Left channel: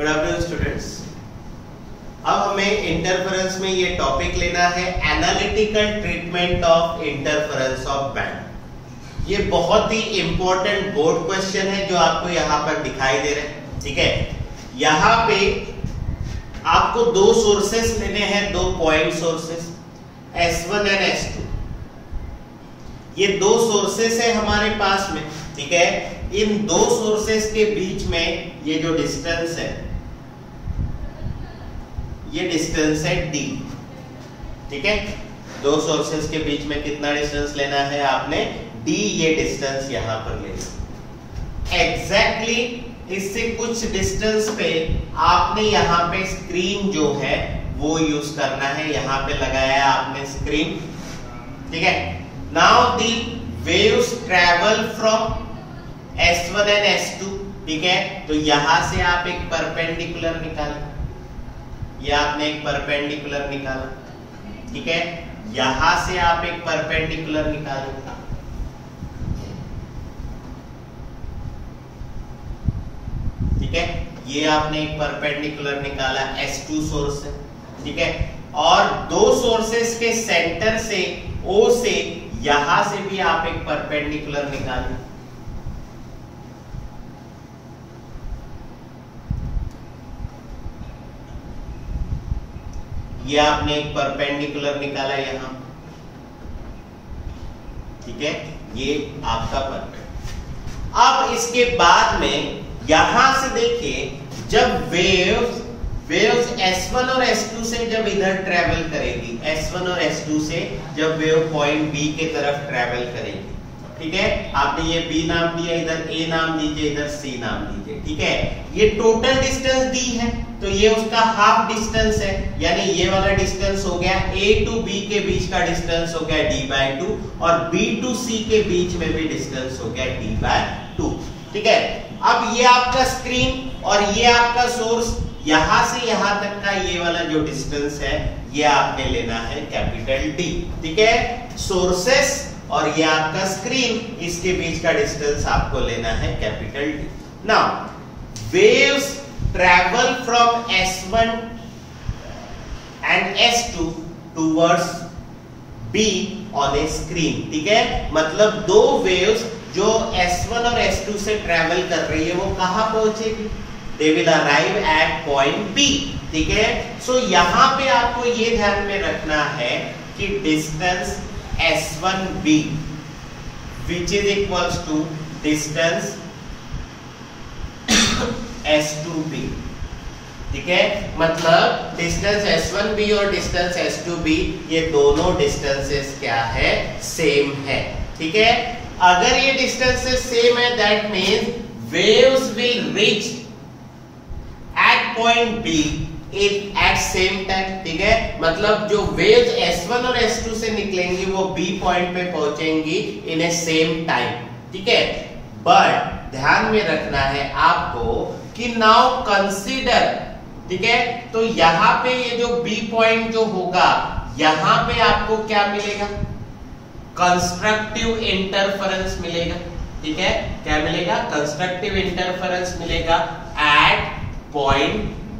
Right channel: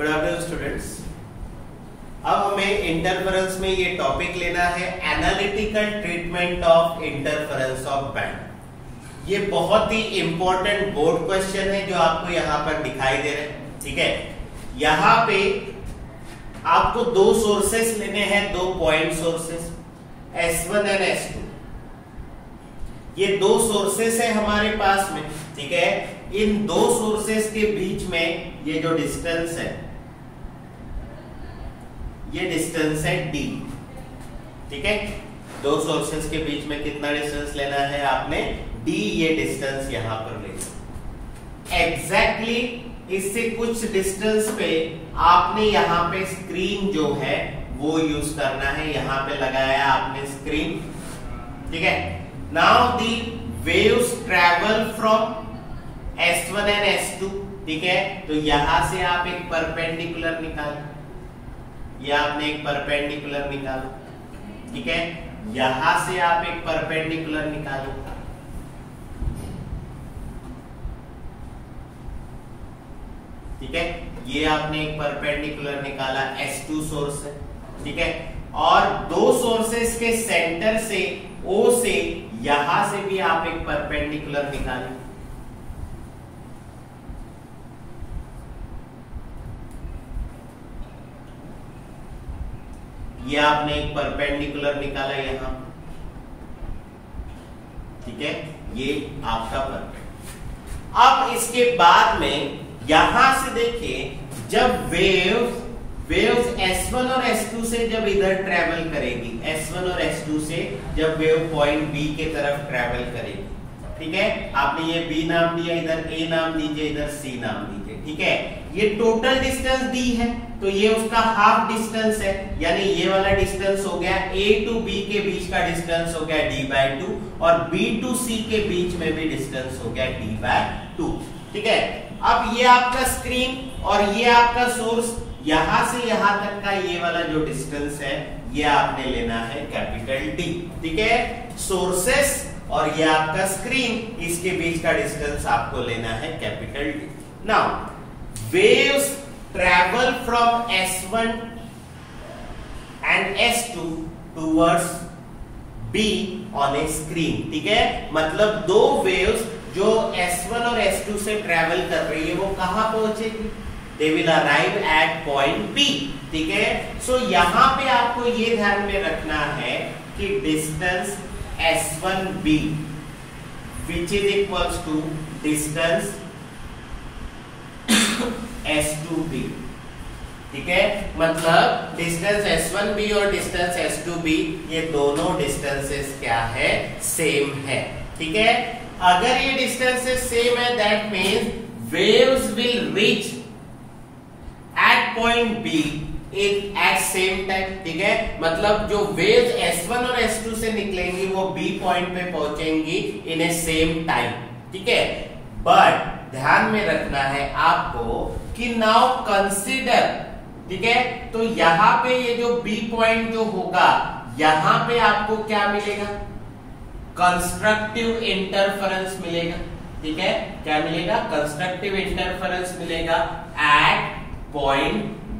Good afternoon students. अब हमें interference में ये टॉपिक लेना है analytical treatment of interference of band. ये बहुत ही इंपॉर्टेंट बोर्ड क्वेश्चन है जो आपको यहाँ पर दिखाई दे रहे हैं। ठीक है, यहाँ पे आपको दो सोर्सेस लेने हैं, दो point sources S1 and S2। ये दो सोर्सेस है हमारे पास में। ठीक है, इन दो सोर्सेस के बीच में ये जो डिस्टेंस है, ये डिस्टेंस है D। ठीक है, दो सोर्सेस के बीच में कितना डिस्टेंस लेना है आपने? D। ये डिस्टेंस यहां पर लेना एग्जैक्टली इससे कुछ डिस्टेंस पे आपने यहां पे स्क्रीन जो है वो यूज करना है। यहां पे लगाया आपने स्क्रीन। ठीक है, now the waves travel from S1 and S2। ठीक है, तो यहां से आप एक परपेंडिकुलर निकालें। ये आपने एक परपेंडिकुलर निकाला। ठीक है, यहां से आप एक परपेंडिकुलर निकालें। ठीक है, ये आपने एक परपेंडिकुलर निकाला, S2 सोर्स है। ठीक है, और दो सोर्सेस के सेंटर से O से यहां से भी आप एक परपेंडिकुलर निकालें। ये आपने एक परपेंडिकुलर निकाला यहां। ठीक है, ये आपका परपेंडिकुलर। अब इसके बाद में यहां से देखिए, जब वेव्स S1 और S2 से जब इधर ट्रेवल करेगी, S1 और S2 से जब वेव पॉइंट B के तरफ ट्रेवल करेगी। ठीक है, आपने ये B नाम दिया, इधर A नाम दीजिए, इधर C नाम दीजिए। ठीक है, ये टोटल डिस्टेंस D है, तो ये उसका हाफ डिस्टेंस है, यानी ये वाला डिस्टेंस हो गया A टू B के बीच का डिस्टेंस हो गया D/2, और B टू C के बीच में भी डिस्टेंस हो गया D/2। ठीक है, अब ये आपका स्क्रीन और ये आपका सोर्स, यहां से यहां तक का ये वाला जो डिस्टेंस है ये आपने लेना है कैपिटल D। ठीक है, सोर्सेस और ये आपका स्क्रीन, इसके बीच का डिस्टेंस आपको लेना है capital D। Now waves travel from S1 and S2 towards B on A screen. ठीक है, मतलब दो वेव्स जो S1 और S2 से ट्रेवल कर रही है वो कहां पहुंचेगी? They will arrive at point B। ठीक है, सो यहां पे आपको ये ध्यान में रखना है कि distance S1B which is equals to distance S2B। ठीक है, मतलब डिस्टेंस S1B और डिस्टेंस S2B ये दोनों डिस्टेंसेस क्या है? सेम है। ठीक है, अगर ये डिस्टेंसेस सेम है that means waves will reach at point B at same time। ठीक है, मतलब जो वेव्स S1 और S2 से निकलेंगी वो B पॉइंट पे पहुंचेंगी इन ए सेम टाइम। ठीक है, बट ध्यान में रखना है आपको कि नाउ कंसीडर। ठीक है, तो यहां पे ये जो B पॉइंट जो होगा, यहां पे आपको क्या मिलेगा? कंस्ट्रक्टिव इंटरफेरेंस मिलेगा। ठीक है, क्या मिलेगा? कंस्ट्रक्टिव इंटरफेरेंस मिलेगा एट पॉइंट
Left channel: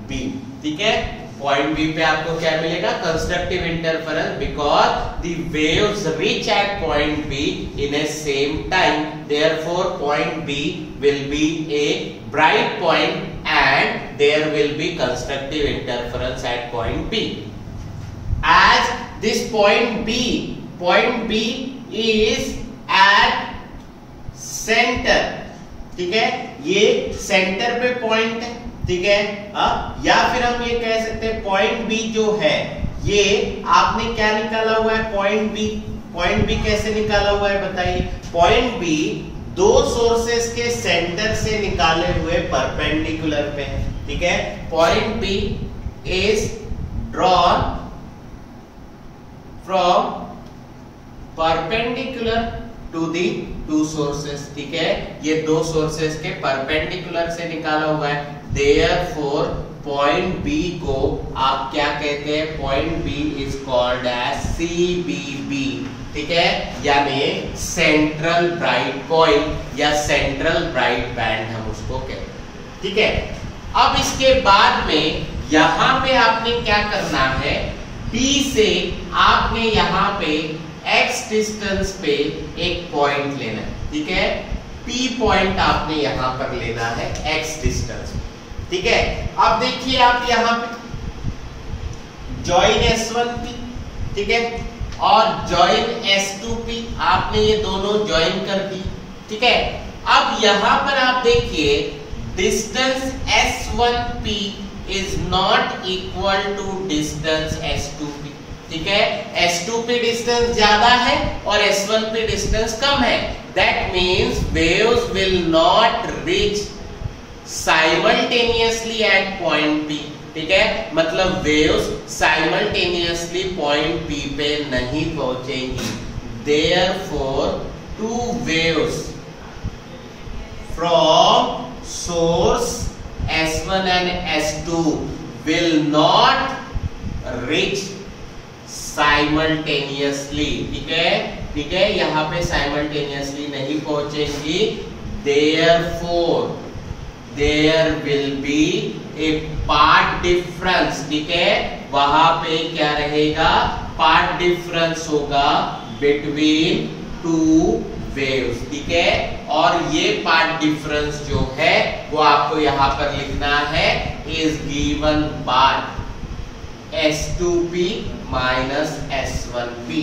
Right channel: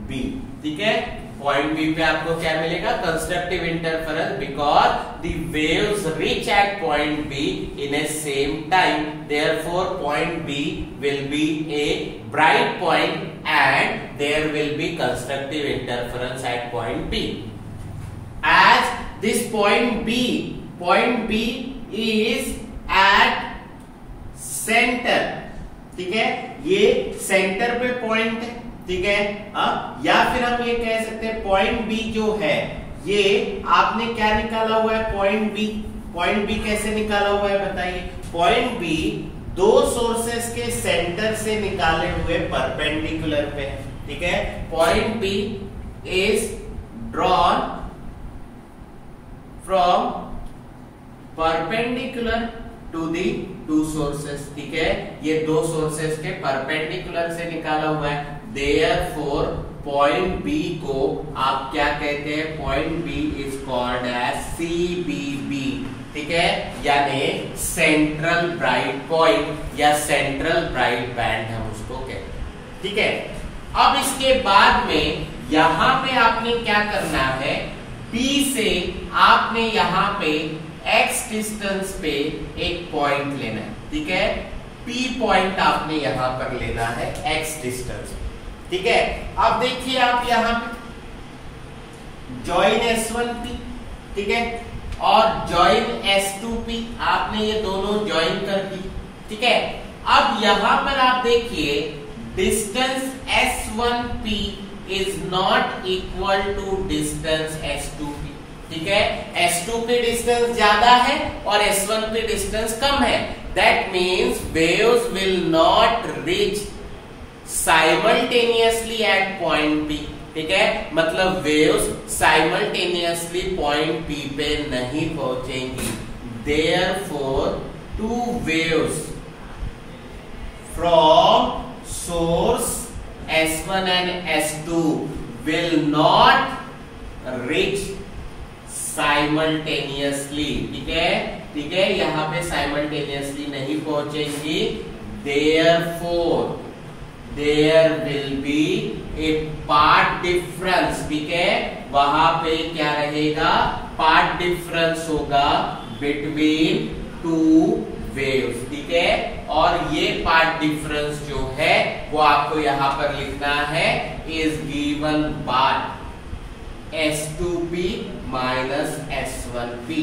B। ठीक है, पॉइंट B पे आपको क्या मिलेगा? Constructive interference, because the waves reach at point B in a same time, therefore point B will be a bright point and there will be constructive interference at point B। As this point B is at centre. ठीक है, ये centre पे point है। ठीक है, या फिर हम ये कह सकते हैं पॉइंट B जो है, ये आपने क्या निकाला हुआ है? पॉइंट B कैसे निकाला हुआ है बताइए? पॉइंट B दो सोर्सेस के सेंटर से निकाले हुए परपेंडिकुलर पे है। ठीक है, point B is drawn from perpendicular to the two sources. ठीक है, ये दो सोर्सेस के परपेंडिकुलर से निकाला हुआ है। Therefore पॉइंट B को आप क्या कहते हैं? Point B is called as CBB। ठीक है, यानी सेंट्रल ब्राइट पॉइंट या सेंट्रल ब्राइट बैंड हम उसको कहते हैं। ठीक है, अब इसके बाद में यहां पे आपने क्या करना है, B से आपने यहां पे x डिस्टेंस पे एक पॉइंट लेना है, ठीक है। P पॉइंट आपने यहां पर लेना है x डिस्टेंस, ठीक है। अब देखिए आप यहां पे जॉइन S1P, ठीक है, और जॉइन S2P, आपने ये दोनों जॉइन कर दी, ठीक है। अब यहां पर आप देखिए distance S1P is not equal to distance S2P, ठीक है। S2P डिस्टेंस ज्यादा है और S1P डिस्टेंस कम है। That means waves will not reach simultaneously eight point P, ठीक है। मतलब वेव्स साइमल्टेनियसली पॉइंट P पे नहीं पहुंचेंगी। Therefore two waves from source S1 and S2 will not reach simultaneously, ठीक है, यहां पे simultaneously नहीं पहुंचेंगी। Therefore there will be a path difference, ठीक है, वहां पे क्या रहेगा, path difference होगा between two वेव्स, ठीक है। और ये पार्ट डिफरेंस जो है वो आपको यहां पर लिखना है, is given by S2P minus S1P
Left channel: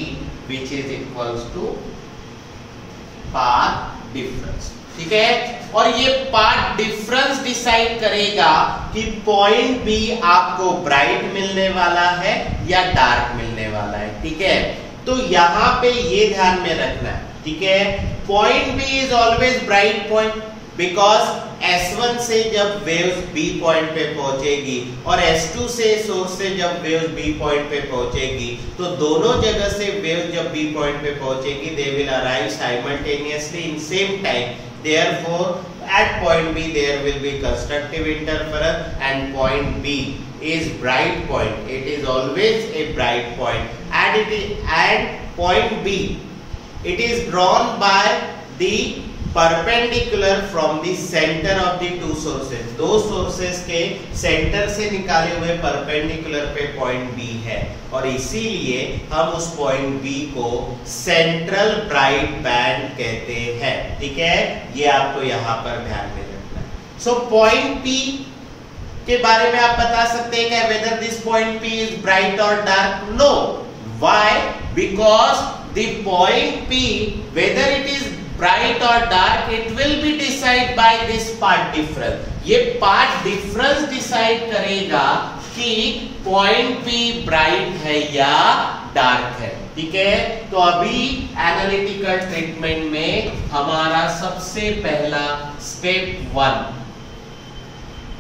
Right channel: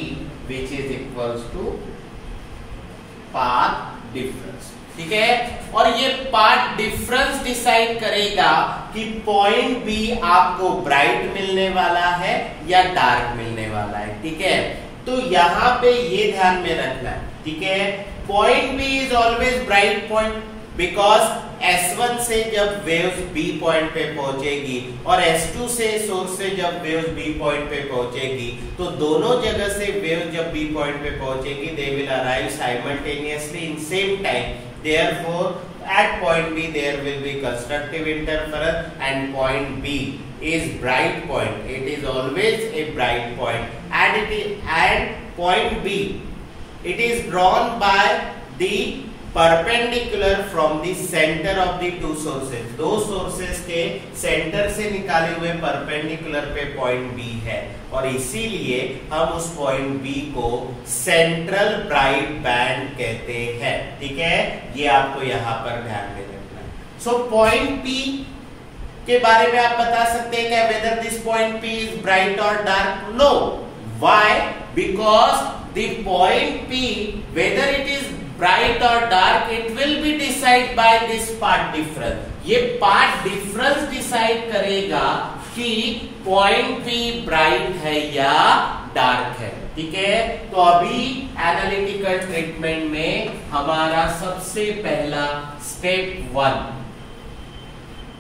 which is equals to path difference, ठीक है। और ये पाथ डिफरेंस डिसाइड करेगा कि पॉइंट B आपको ब्राइट मिलने वाला है या डार्क मिलने वाला है, ठीक है। तो यहां पे ये ध्यान में रखना है, ठीक है। Point B is always bright point because S1 से जब वेव्स B पॉइंट पे पहुंचेगी और S2 से सोर्स से जब वेव्स B पॉइंट पे पहुंचेगी, तो दोनों जगह से वेव्स जब B पॉइंट पे पहुंचेगी they will arrive simultaneously in same time. Therefore at point B there will be constructive interference and point B is bright point. It is always a bright point and point B it is drawn by the perpendicular from the center of the two sources. दो sources के center से निकाले हुए perpendicular पे point B है और इसीलिए हम उस point B को central bright band कहते हैं, ठीक है। ये आपको यहाँ पर ध्यान में रखना है। So point P के बारे में आप बता सकते हैं क्या whether this point P is bright or dark? No. Why? Because the point P whether it is bright or dark it will be decided by this path difference. ये path difference decide करेगा कि point P bright है या dark है, ठीक है। तो अभी एनालिटिकल ट्रीटमेंट में हमारा सबसे पहला स्टेप 1,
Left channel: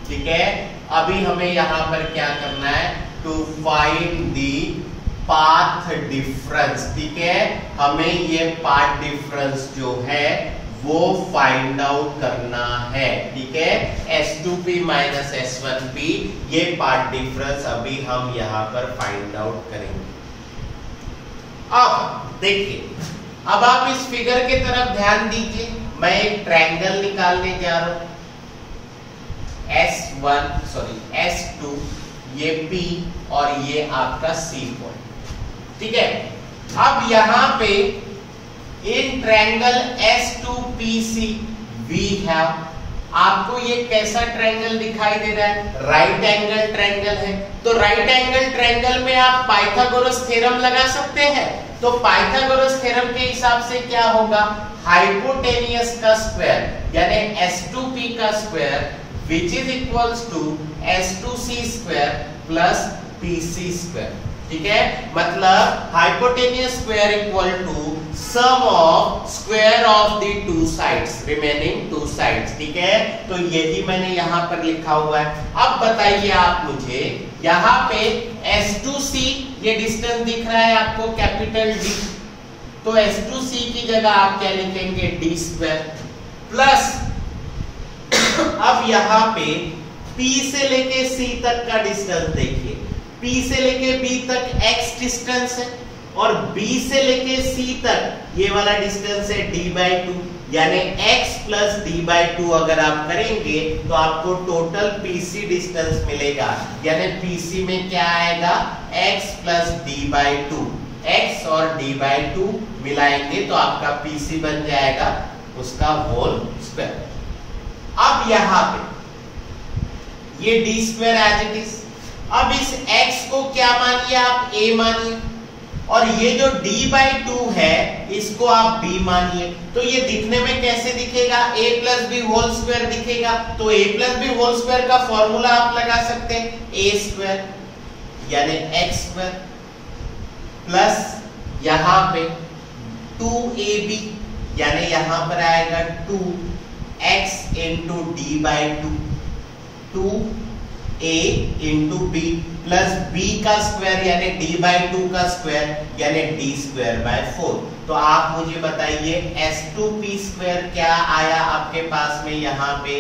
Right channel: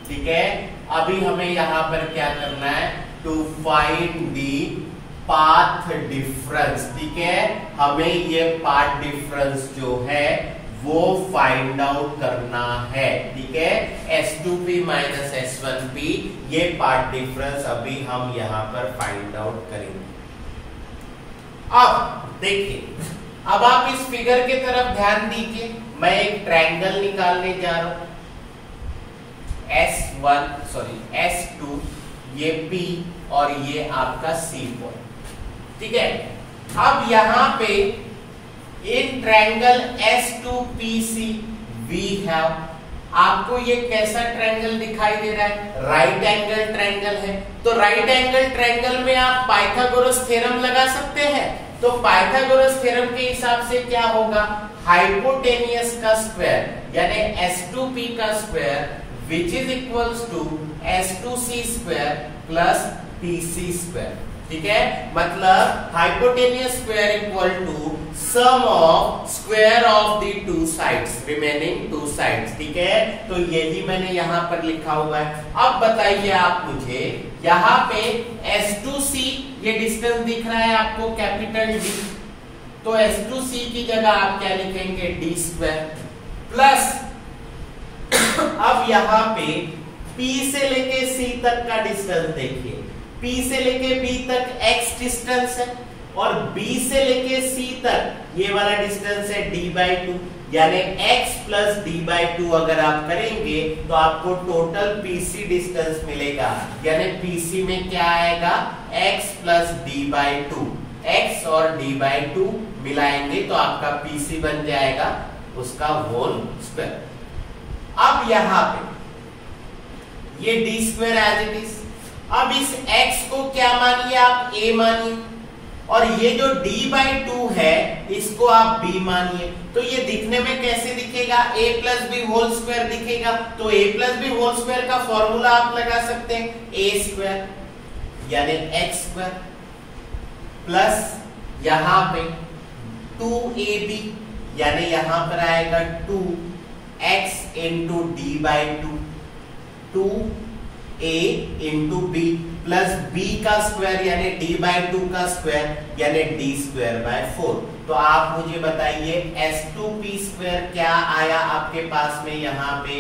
ठीक है। अभी हमें यहां पर क्या करना है, to find the path difference, ठीक है। हमें ये पाथ डिफरेंस जो है वो फाइंड आउट करना है, ठीक है। S2P माइनस S1P ये पाथ डिफरेंस अभी हम यहां पर फाइंड आउट करेंगे। अब देखिए, अब आप इस फिगर के तरफ ध्यान दीजिए। मैं एक ट्रायंगल निकालने जा रहा हूं, S2 ये P और ये आपका C पॉइंट, ठीक है। अब यहां पे in triangle S2PC we have, आपको ये कैसा ट्रायंगल दिखाई दे रहा है, राइट एंगल ट्रायंगल है। तो राइट एंगल ट्रायंगल में आप पाइथागोरस थ्योरम लगा सकते हैं। तो पाइथागोरस थ्योरम के हिसाब से क्या होगा, हाइपोटेनियस का स्क्वायर यानी S2P का square which is equals to S2C square plus PC square, ठीक है। मतलब hypotenuse square equal to sum of square of the two sides, remaining two sides, ठीक है। तो यही मैंने यहां पर लिखा हुआ है। अब बताइए आप मुझे, यहां पे S2C ये डिस्टेंस दिख रहा है आपको कैपिटल D, तो S2C की जगह आप क्या लिखेंगे, D स्क्वायर प्लस अब यहां पे P से लेके C तक का डिस्टेंस देखिए, P से लेके B तक x डिस्टेंस है और B से लेके C तक ये वाला डिस्टेंस है D/2, यानी x plus D by to अगर आप करेंगे तो आपको टोटल पीसी डिस्टेंस मिलेगा, यानी पीसी में क्या आएगा x plus D by to, x और डी बाई टू मिलाएंगे तो आपका पीसी बन जाएगा उसका होल स्क्वायर। अब यहां पे ये D square as it is, अब इस x को क्या मानिए आप a मानिए, और ये जो d बाई टू है इसको आप b मानिए। तो ये दिखने में कैसे दिखेगा, a plus B whole square दिखेगा। तो a plus B whole square का फॉर्मूला आप लगा सकते हैं, a स्क्वायर यानी x स्क्वायर प्लस यहां पे 2ab यानी यहां पर आएगा 2x into D by two, 2a into B plus b का स्क्वायर यानी d बाई टू का स्क्वायर यानी d स्क्वायर बाय 4। तो आप मुझे बताइए s2p स्क्वायर क्या आया आपके पास में, यहाँ पे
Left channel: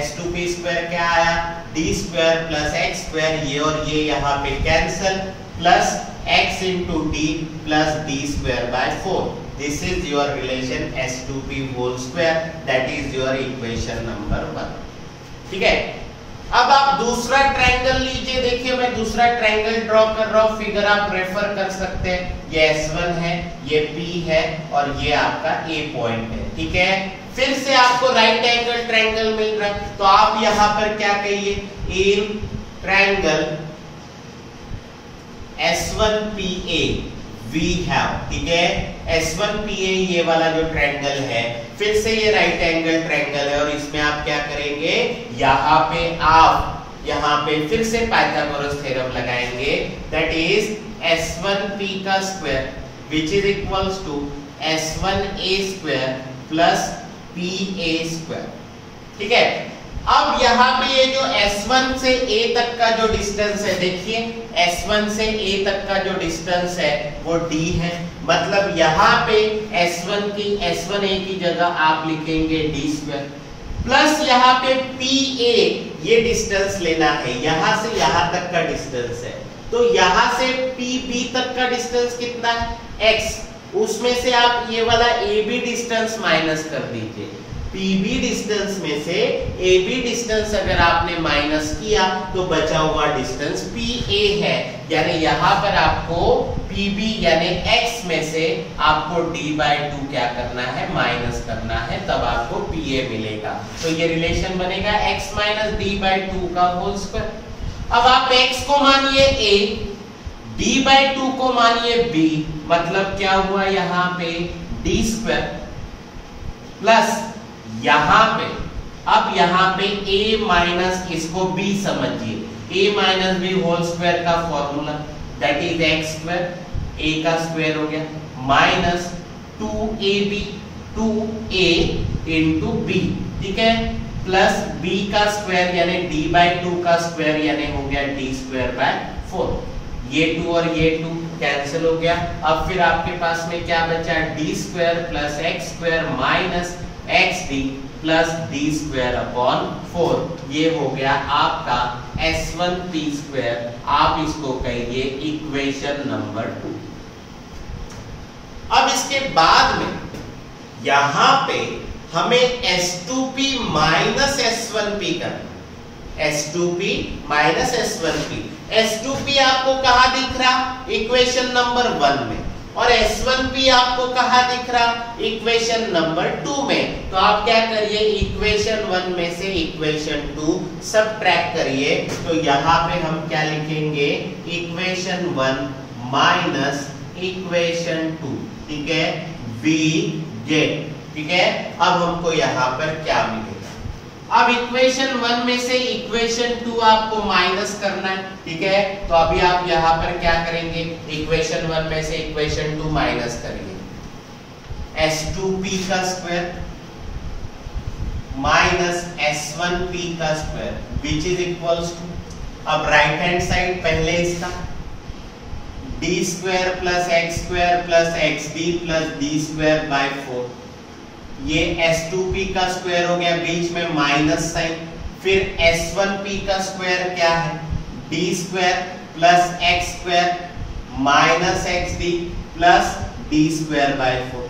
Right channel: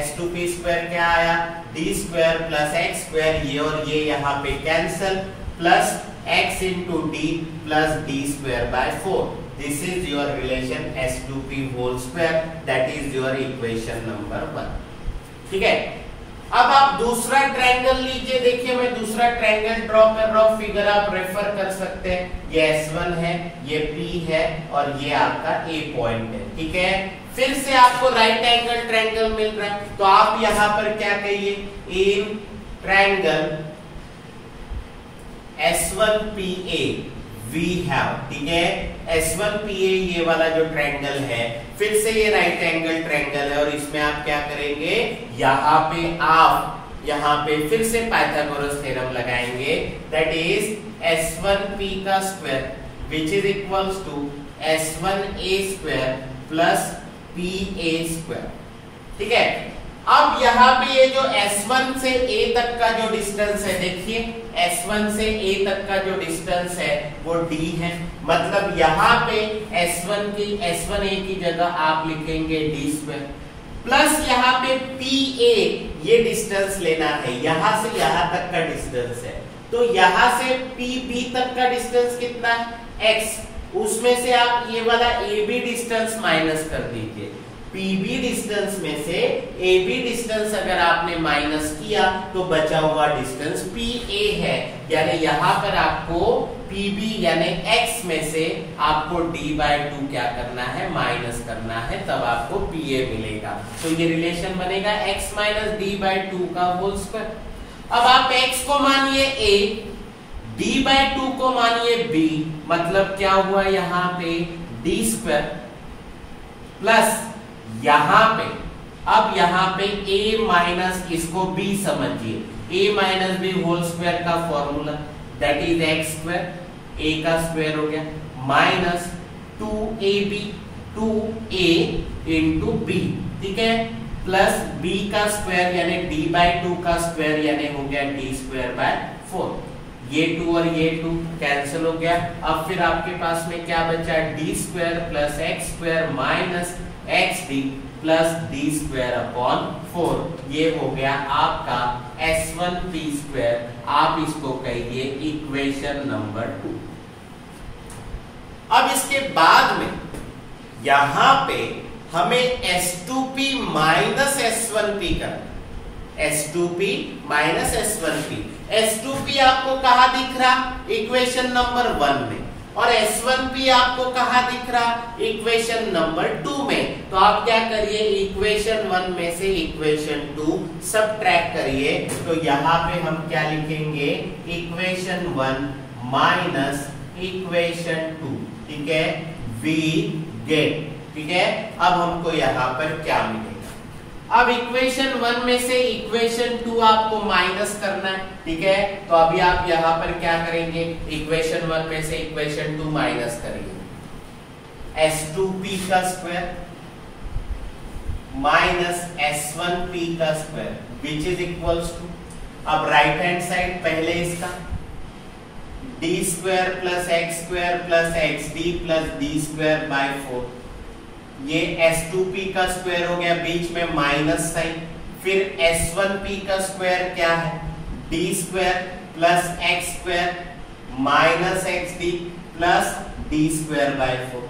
s2p स्क्वायर क्या आया, d square plus x square, ये और ये यहाँ पे cancel, plus x into D plus d square by 4। This is your relation s2p whole square, that is your equation number 1। ठीक है, अब आप दूसरा ट्रायंगल लीजिए। देखिए मैं दूसरा ट्रायंगल ड्रॉ कर रहा हूं, फिगर आप रेफर कर सकते हैं। ये S1 है, ये P है और ये आपका A पॉइंट है। ठीक है, फिर से आपको राइट एंगल ट्रायंगल मिल रहा है, तो आप यहां पर क्या कहिए, in triangle S1PA we have. ठीक है, S1PA ये वाला जो ट्रायंगल है, फिर से ये राइट एंगल ट्रायंगल है और इसमें आप क्या करेंगे, यहाँ पे आप यहाँ पे फिर से पाइथागोरस थ्योरम लगाएंगे, दैट इज S1P का square which is equals to S1A square plus PA square. ठीक है, अब यहाँ पे ये जो S1 से A तक का जो डिस्टेंस है, देखिए S1 से A तक का जो डिस्टेंस है वो D है, मतलब यहाँ पे S1A की जगह आप लिखेंगे D स्क्वायर प्लस यहाँ पे PA, ये डिस्टेंस लेना है, यहाँ से यहाँ तक का डिस्टेंस है, तो यहाँ से PB तक का डिस्टेंस कितना है X, उसमें से आप ये वाला AB डिस्टेंस माइनस कर दीजिए। PB डिस्टेंस में से AB डिस्टेंस अगर आपने माइनस किया तो बचा हुआ डिस्टेंस PA है, यानी यहाँ पर आपको PB यानी X में से आपको D बाई टू क्या करना है, माइनस करना है, तब आपको PA मिलेगा। तो ये रिलेशन बनेगा X minus D by two का होल स्क्वायर। अब आप X को मानिए A, D बाई टू को मानिए B, मतलब क्या हुआ यहाँ पे D स्क्वायर प्लस यहां पे, अब यहां पे a माइनस, इसको b समझिए, a minus B whole square का formula that is x square, a का स्क्वायर हो गया minus 2ab 2a into b। ठीक है, प्लस b का स्क्वायर यानी d बाई टू का स्क्वायर यानी हो गया d स्क्वायर बाय 4। ये 2 और ये 2 कैंसिल हो गया। अब फिर आपके पास में क्या बचा, d square plus x square minus xd plus d square upon 4। ये हो गया आपका S1P स्क्वायर, आप इसको कहिए इक्वेशन नंबर 2। अब इसके बाद में यहां पे हमें S2P माइनस S1P करना, S2P माइनस S1P। S2P आपको कहां दिख रहा, इक्वेशन नंबर 1 में, और S1P आपको कहां दिख रहा, इक्वेशन नंबर 2 में। तो आप क्या करिए, इक्वेशन 1 में से इक्वेशन 2 सबट्रैक्ट करिए, तो यहां पे हम क्या लिखेंगे, इक्वेशन 1 माइनस इक्वेशन 2। ठीक है, वी गेट। ठीक है, अब हमको यहां पर क्या मिलेगा, अब इक्वेशन 1 में से इक्वेशन 2 आपको माइनस करना है। ठीक है, तो अभी आप यहां पर क्या करेंगे, इक्वेशन 1 में से इक्वेशन 2 माइनस करिए, S2P का स्क्वायर माइनस S1P का square which is equals to, अब राइट हैंड साइड पहले इसका d square plus x square plus xd plus d square by 4। ये S2P का स्क्वायर हो गया, बीच में माइनस साइन, फिर S1P का स्क्वायर क्या है, d square plus x square minus xd plus d square by 4।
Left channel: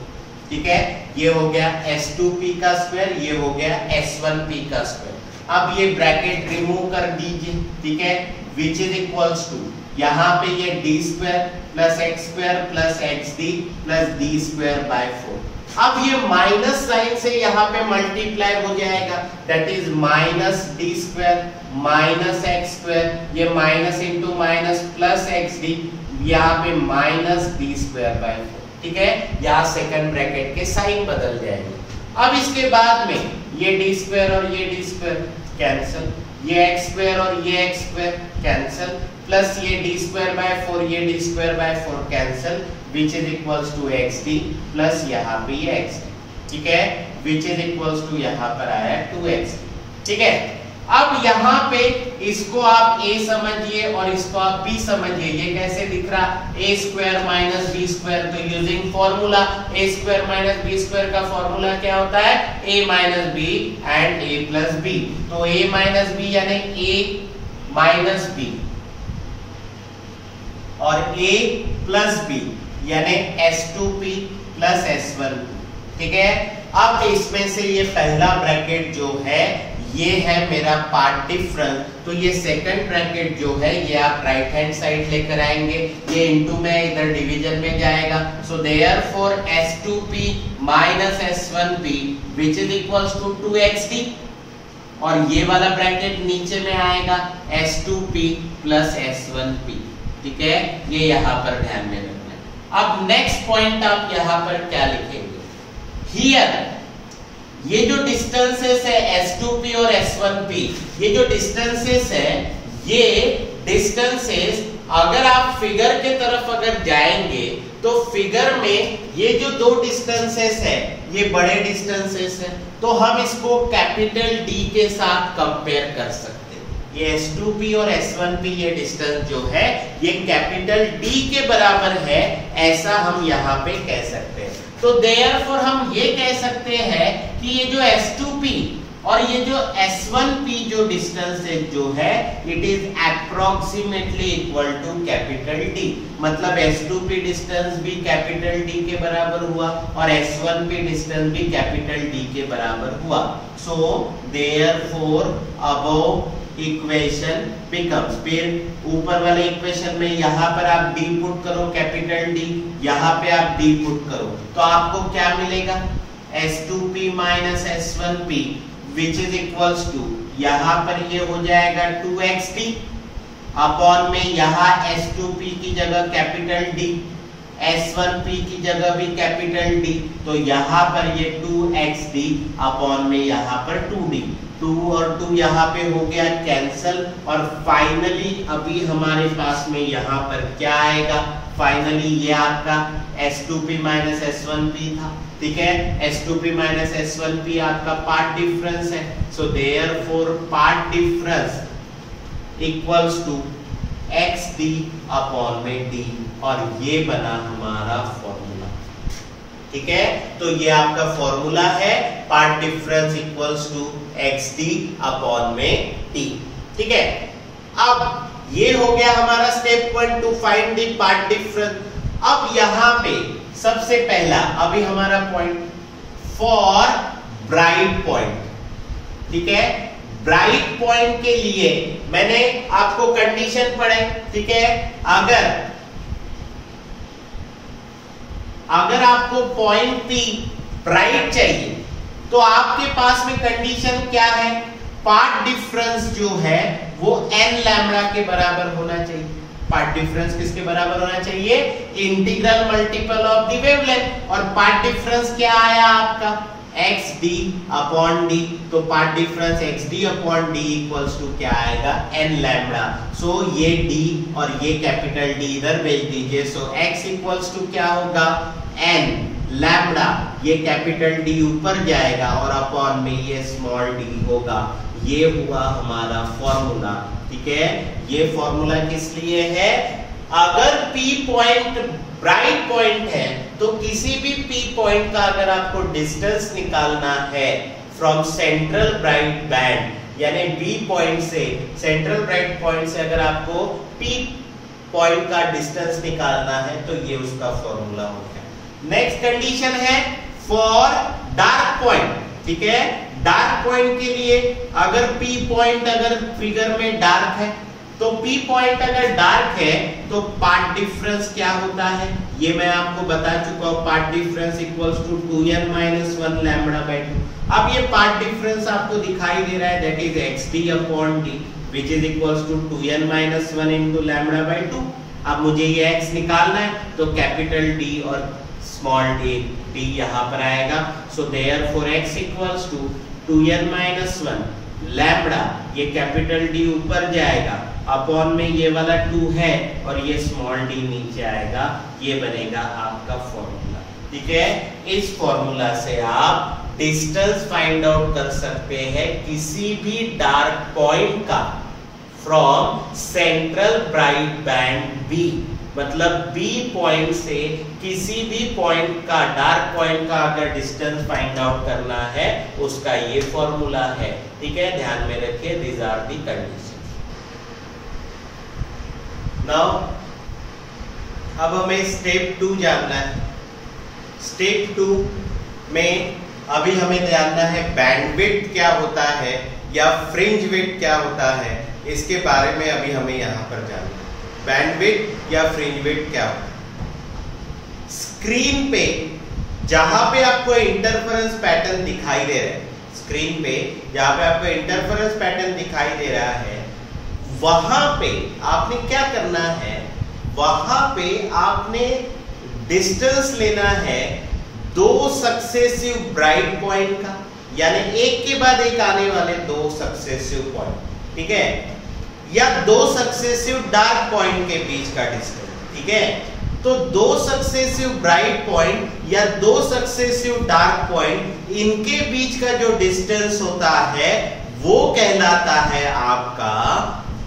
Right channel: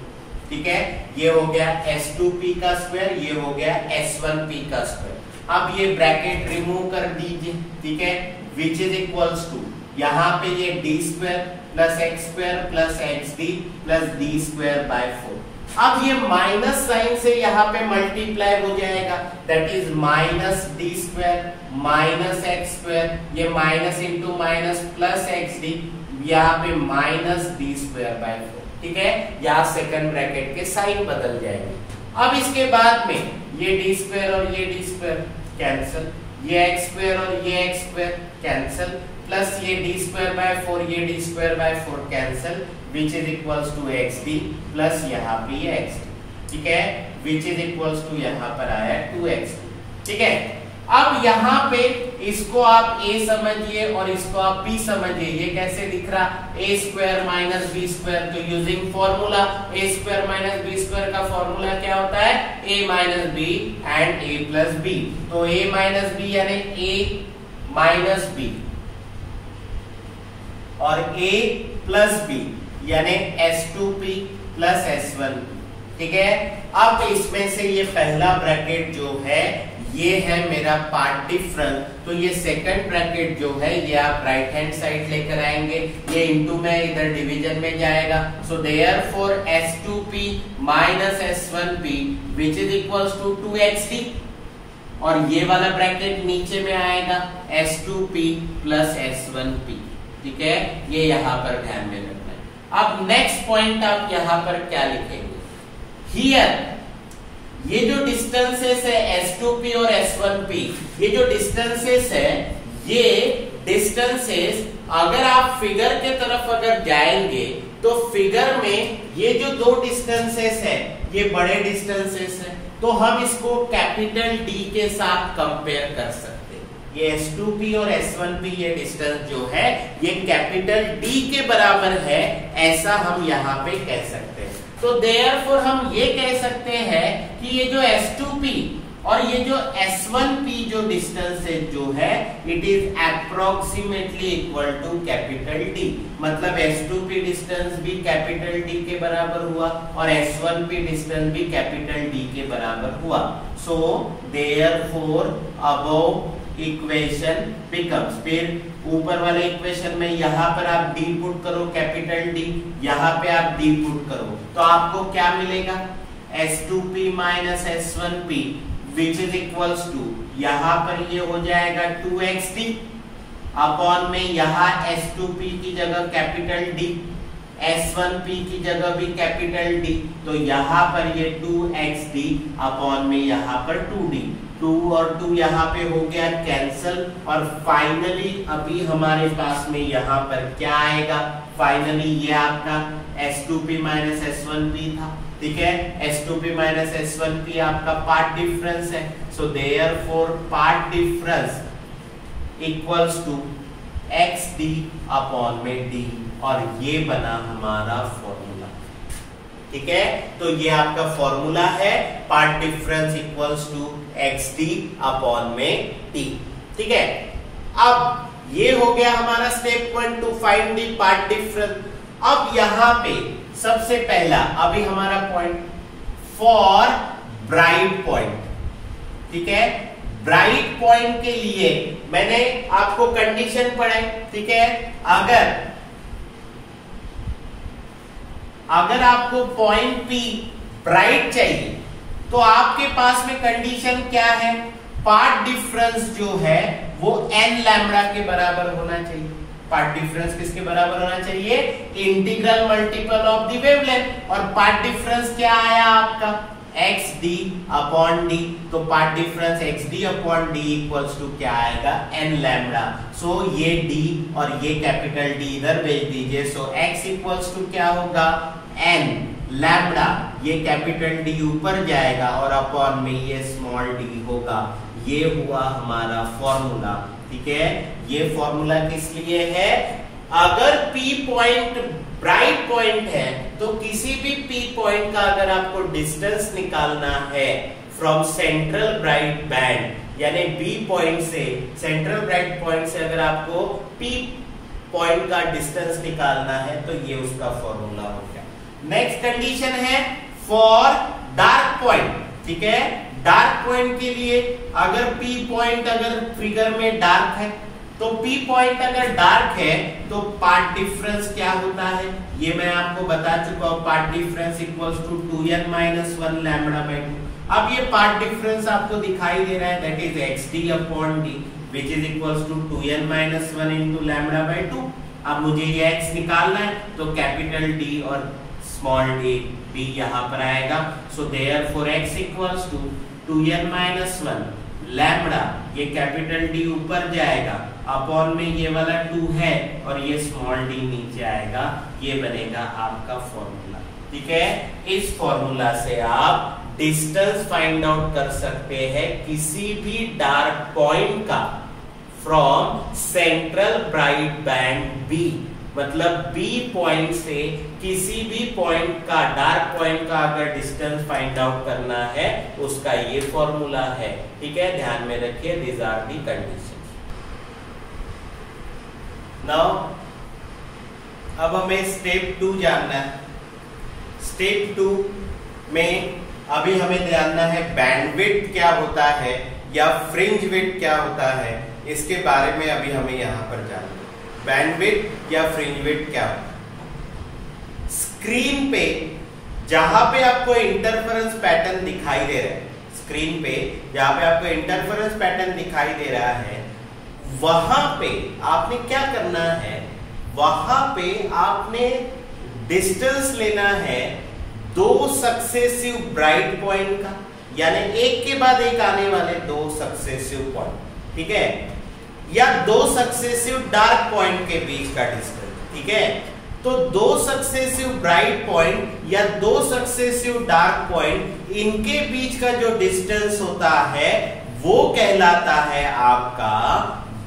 ठीक है, ये हो गया S2p का स्क्वायर, ये हो गया S1p का स्क्वायर। अब ये ब्रैकेट रिमूव कर दीजिए, ठीक है, विच इज इक्वल्स टू यहाँ पे ये D square plus x square plus X D plus D square by 4। अब ये माइनस साइन से यहाँ पे मल्टीप्लाई हो जाएगा, that is minus D square minus X square, ये minus into minus plus X D, यहाँ पे माइनस डी स्क्वायर बाय 4, ठीक है। यहाँ सेकंड ब्रैकेट के साइन बदल जाएंगे। अब इसके बाद में ये डी स्क्वायर और ये डी स्क्वायर कैंसिल, ये एक्स स्क्वायर और ये एक्स स्क्वायर कैंसिल, प्लस ये डी स्क्वायर बाय 4 ये D square by 4 cancel, which is equals to X D plus यहाँ पे ये एक्स डी, ठीक है, विच इज इक्वल्स टू यहाँ पर आया 2x, ठीक है। अब यहाँ पे इसको आप a समझिए और इसको आप b समझिए। ये कैसे दिख रहा, a square minus B square, तो using formula a square minus B square का फॉर्मूला क्या होता है, a minus B and a plus B. तो a माइनस बी यानी a माइनस बी और a प्लस बी यानी S2p प्लस S1p, ठीक है। अब इसमें से ये पहला ब्रैकेट जो है ये है मेरा पार्ट डिफरेंस, तो ये सेकंड ब्रैकेट जो है ये आप राइट हैंड साइड लेकर आएंगे, ये इनटू में इधर डिवीजन में जाएगा। So therefore S2p minus S1p which is equals to 2xd, और ये वाला ब्रैकेट नीचे में आएगा S2p प्लस S1p, ठीक है, ये यहाँ पर ध्यान में रखना है। अब नेक्स्ट पॉइंट आप यहाँ पर क्या लिखेंगे, हियर ये जो डिस्टेंसेस है S2p और S1p, ये जो डिस्टेंसेस है ये डिस्टेंसेस अगर आप फिगर के तरफ अगर जाएंगे तो फिगर में ये जो दो डिस्टेंसेस है ये बड़े डिस्टेंसेस है, तो हम इसको कैपिटल D के साथ कंपेयर कर सकते हैं। ये S2p और S1p ये डिस्टेंस जो है ये कैपिटल D के बराबर है, ऐसा हम यहाँ पे कह सकते हैं। तो देयरफॉर हम ये कह सकते हैं कि ये जो S2p और ये जो S1p जो डिस्टेंस है जो है it is approximately equal to capital D, मतलब S2p डिस्टेंस भी कैपिटल D के बराबर हुआ और S1p डिस्टेंस भी कैपिटल D के बराबर हुआ। So therefore above equation becomes, फिर ऊपर वाले इक्वेशन में यहाँ पर आप D पुट करो कैपिटल D, यहाँ पे आप D पुट करो तो आपको क्या मिलेगा, S2p minus S1p which is equals to यहाँ पर ये हो जाएगा 2xd अपॉन में यहाँ S2p की जगह कैपिटल D, S1p की जगह भी कैपिटल D, तो यहाँ पर ये 2xd अपॉन में यहाँ पर 2d, 2 और 2 यहाँ पे हो गया कैंसल, और फाइनली अभी हमारे पास में यहाँ पर क्या आएगा, फाइनली ये आपका S2p माइनस S1p था, ठीक है, S2p माइनस S1p आपका पार्ट डिफरेंस है। So therefore path difference equals to xd upon में d, और ये बना हमारा फॉर्मूला, ठीक है। तो ये आपका फॉर्मूला है path difference equals to xd upon में d, ठीक है। अब ये हो गया हमारा step 1 to find the path difference. अब यहाँ पे सबसे पहला अभी हमारा पॉइंट फॉर ब्राइट पॉइंट, ठीक है, ब्राइट पॉइंट के लिए मैंने आपको कंडीशन पढ़ाई, ठीक है। अगर आपको पॉइंट P ब्राइट चाहिए तो आपके पास में कंडीशन क्या है, पार्ट डिफरेंस जो है वो n लैम्बडा के बराबर होना चाहिए। पार्ट डिफरेंस किसके बराबर होना चाहिए, integral multiple of the wavelength, और पार्ट डिफरेंस क्या आया आपका xd अपॉन d, तो path difference xd upon d equals to क्या आएगा n लैम्बडा। सो ये d और ये कैपिटल D इधर भेज दीजिए, सो x इक्वल्स टू क्या होगा n लैम्बडा, ये कैपिटल D ऊपर जाएगा और अपॉन में ये स्मॉल d होगा। ये हुआ हमारा फॉर्मूला, ठीक है। ये फॉर्मूला किस लिए है, अगर P पॉइंट ब्राइट पॉइंट है तो किसी भी P पॉइंट का अगर आपको डिस्टेंस निकालना है फ्रॉम सेंट्रल ब्राइट बैंड, यानी B पॉइंट से सेंट्रल ब्राइट पॉइंट से अगर आपको P पॉइंट का डिस्टेंस निकालना है तो ये उसका फॉर्मूला होगा। नेक्स्ट कंडीशन है फॉर डार्क पॉइंट, ठीक है। डार्क पॉइंट के लिए अगर P पॉइंट अगर फिगर में डार्क है तो P पॉइंट अगर डार्क है तो पाथ डिफरेंस क्या होता है ये मैं आपको बता चुका हूं। Path difference equals to 2n - 1 λ/2। अब ये पाथ डिफरेंस आपको दिखाई दे रहा है, that is xd/d which is equals to 2n - 1 into λ/2। अब मुझे ये x निकालना है तो कैपिटल D और स्मॉल d यहां पर आएगा। So therefore x equals to 2n - 1 lambda, ये कैपिटल D ऊपर जाएगा, अपॉन में ये वाला 2 है और ये स्मॉल d नीचे आएगा। ये बनेगा आपका फॉर्मूला, ठीक है। इस फॉर्मूला से आप डिस्टेंस फाइंड आउट कर सकते हैं किसी भी डार्क पॉइंट का from central bright band B। मतलब B पॉइंट से किसी भी पॉइंट का, डार्क पॉइंट का अगर डिस्टेंस फाइंड आउट करना है उसका ये फॉर्मूला है, ठीक है। ध्यान में रखिए, these are the conditions. Now अब हमें स्टेप 2 जानना है। स्टेप 2 में अभी हमें जानना है बैंडविड्थ क्या होता है या फ्रिंज विड्थ क्या होता है, इसके बारे में अभी हमें यहां पर जानना है। बैंडविड्थ या फ्रिंज विड्थ क्या होता है। स्क्रीन पे जहां पे आपको इंटरफेरेंस पैटर्न दिखाई दे रहा है, स्क्रीन पे जहां पे आपको इंटरफेरेंस पैटर्न दिखाई दे रहा है, वहां पे आपने क्या करना है, वहां पे आपने डिस्टेंस लेना है 2 सक्सेसिव ब्राइट पॉइंट का, यानी एक के बाद एक आने वाले 2 सक्सेसिव पॉइंट, ठीक है, या 2 सक्सेसिव डार्क पॉइंट के बीच का डिस्टेंस, ठीक है। तो 2 सक्सेसिव ब्राइट पॉइंट या 2 सक्सेसिव डार्क पॉइंट, इनके बीच का जो डिस्टेंस होता है वो कहलाता है आपका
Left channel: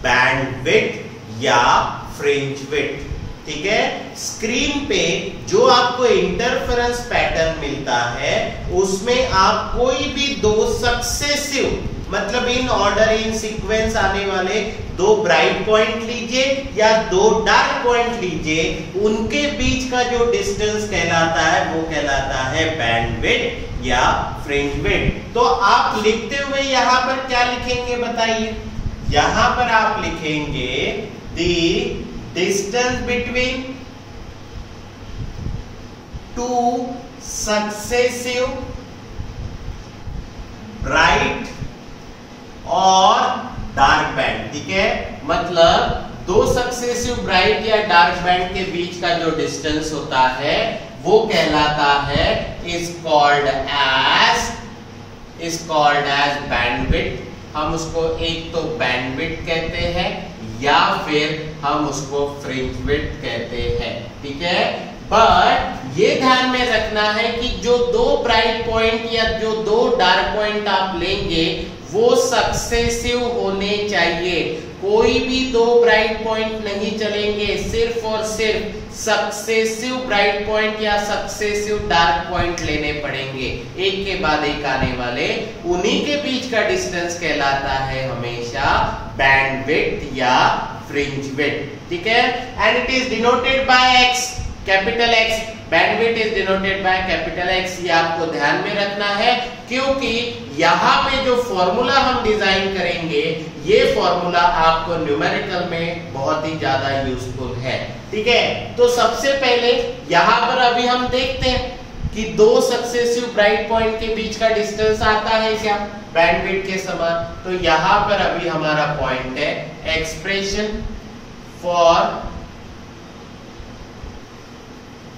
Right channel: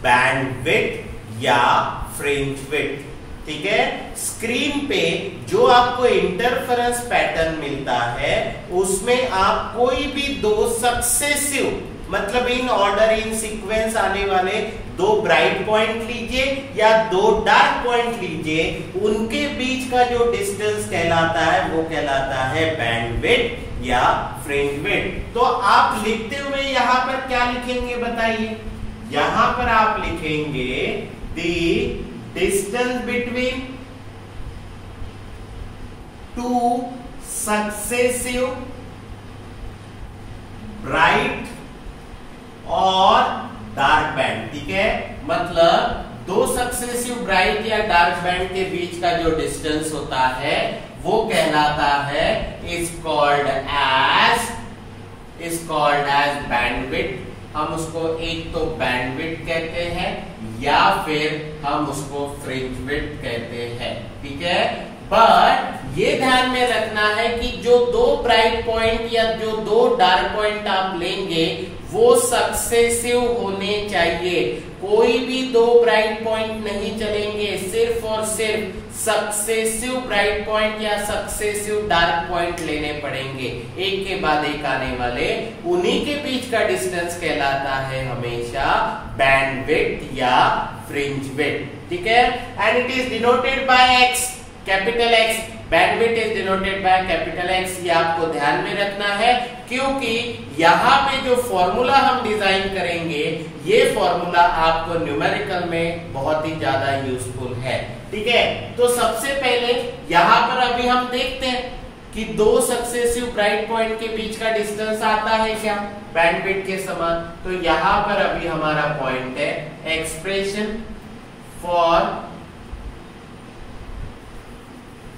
बैंडविड्थ या फ्रिंज विड्थ, ठीक है। स्क्रीन पे जो आपको इंटरफेरेंस पैटर्न मिलता है उसमें आप कोई भी 2 सक्सेसिव, मतलब इन ऑर्डर इन सीक्वेंस आने वाले 2 ब्राइट पॉइंट लीजिए या 2 डार्क पॉइंट लीजिए, उनके बीच का जो डिस्टेंस कहलाता है वो कहलाता है बैंडविड्थ या फ्रिंज विड्थ। तो आप लिखते हुए यहां पर क्या लिखेंगे बताइए। यहां पर आप लिखेंगे the distance between 2 successive bright और डार्क बैंड, ठीक है। मतलब 2 सक्सेसिव ब्राइट या डार्क बैंड के बीच का जो डिस्टेंस होता है वो कहलाता है इज कॉल्ड एज बैंडविड्थ। हम उसको एक तो बैंडविड्थ कहते हैं या फिर हम उसको फ्रिंज विड्थ कहते हैं, ठीक है। बट ये ध्यान में रखना है कि जो 2 ब्राइट पॉइंट या जो 2 डार्क पॉइंट आप लेंगे वो सक्सेसिव होने चाहिए। कोई भी 2 ब्राइट पॉइंट नहीं चलेंगे, सिर्फ और सिर्फ सक्सेसिव ब्राइट पॉइंट या सक्सेसिव डार्क पॉइंट लेने पड़ेंगे, एक के बाद एक आने वाले। उन्हीं के बीच का डिस्टेंस कहलाता है हमेशा बैंडविड्थ या फ्रिंज विड्थ, ठीक है। And it is denoted by x, capital x. Bandwidth is denoted by capital x, ये आपको ध्यान में रखना है क्योंकि यहां पे जो फॉर्मूला हम डिजाइन करेंगे ये फॉर्मूला आपको न्यूमेरिकल में बहुत ही ज्यादा यूजफुल है, ठीक है। तो सबसे पहले यहां पर अभी हम देखते हैं कि 2 सक्सेसिव ब्राइट पॉइंट के बीच का डिस्टेंस आता है क्या बैंडविड्थ के समान। तो यहां पर अभी हमारा पॉइंट है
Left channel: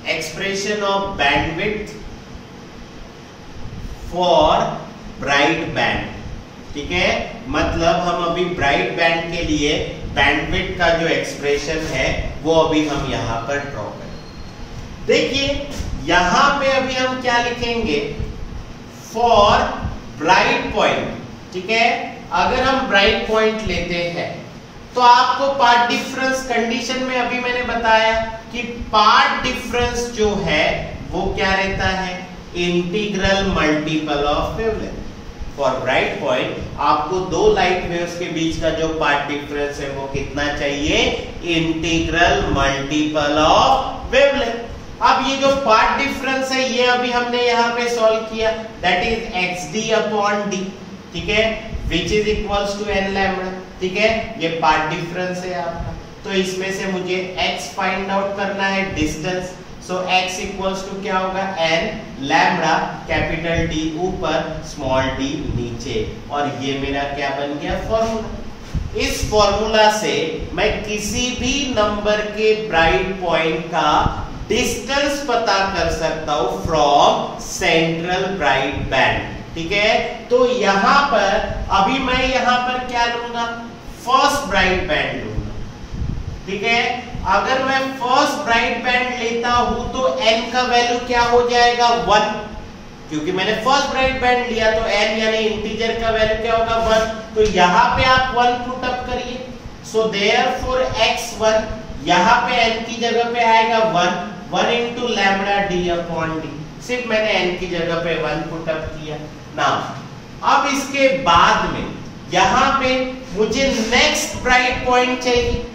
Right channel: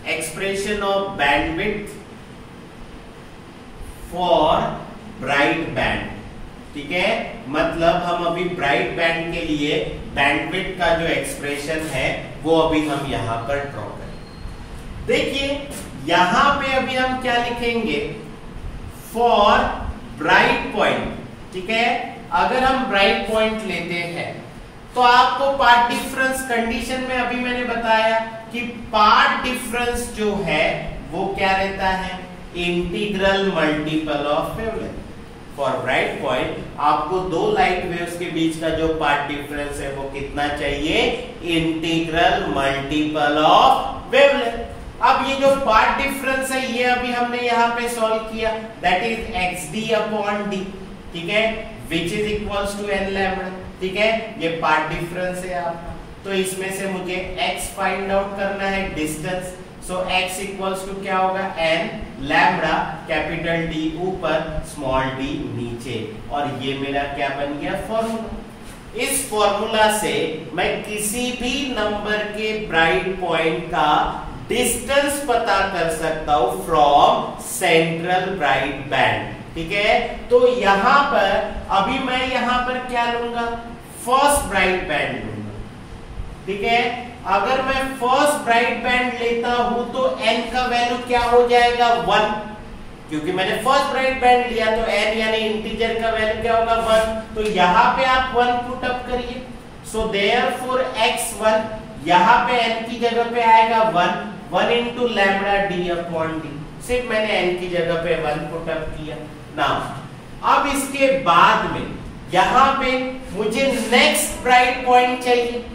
expression of bandwidth for bright band, ठीक है। मतलब हम अभी ब्राइट बैंड के लिए बैंडविड्थ का जो एक्सप्रेशन है वो अभी हम यहां पर ड्रॉ करें। देखिए यहां पे अभी हम क्या लिखेंगे, फॉर ब्राइट पॉइंट, ठीक है। अगर हम ब्राइट पॉइंट लेते हैं तो आपको पार्ट डिफरेंस कंडीशन में अभी मैंने बताया कि पार्ट डिफरेंस जो है वो क्या रहता है, integral multiple of wavelength. For bright point आपको 2 लाइट वेव्स के बीच का जो पार्ट डिफरेंस है वो कितना चाहिए, इंटीग्रल मल्टीपल ऑफ वेवलेंथ, अब ये जो पार्ट डिफरेंस है ये अभी हमने यहाँ पे सॉल्व किया, that is xd upon d, ठीक है, which is equals to n lambda, ठीक है, ये पार्ट डिफरेंस है आपका। तो इसमें से मुझे x फाइंड आउट करना है, डिस्टेंस, सो x इक्वल्स टू क्या होगा, n लैम्बडा कैपिटल D ऊपर स्मॉल d नीचे, और ये मेरा क्या बन गया, फॉर्मूला। इस फॉर्मूला से मैं किसी भी नंबर के ब्राइट पॉइंट का डिस्टेंस पता कर सकता हूं फ्रॉम सेंट्रल ब्राइट बैंड, ठीक है। तो यहां पर अभी मैं यहां पर क्या लूंगा, फर्स्ट ब्राइट बैंड लूंगा, ठीक है। अगर मैं फर्स्ट ब्राइट बैंड लेता हूं तो n का वैल्यू क्या हो जाएगा, 1, क्योंकि मैंने फर्स्ट ब्राइट बैंड लिया तो n यानी इंटीजर का वैल्यू क्या होगा, 1। तो यहां पे आप 1 पुट अप करिए, सो देयरफॉर x1 यहां पे n की जगह पे आएगा 1 into lambda d upon d, सिर्फ मैंने n की जगह पे 1 पुट अप किया ना। अब इसके बाद में यहां पे मुझे नेक्स्ट ब्राइट पॉइंट चाहिए,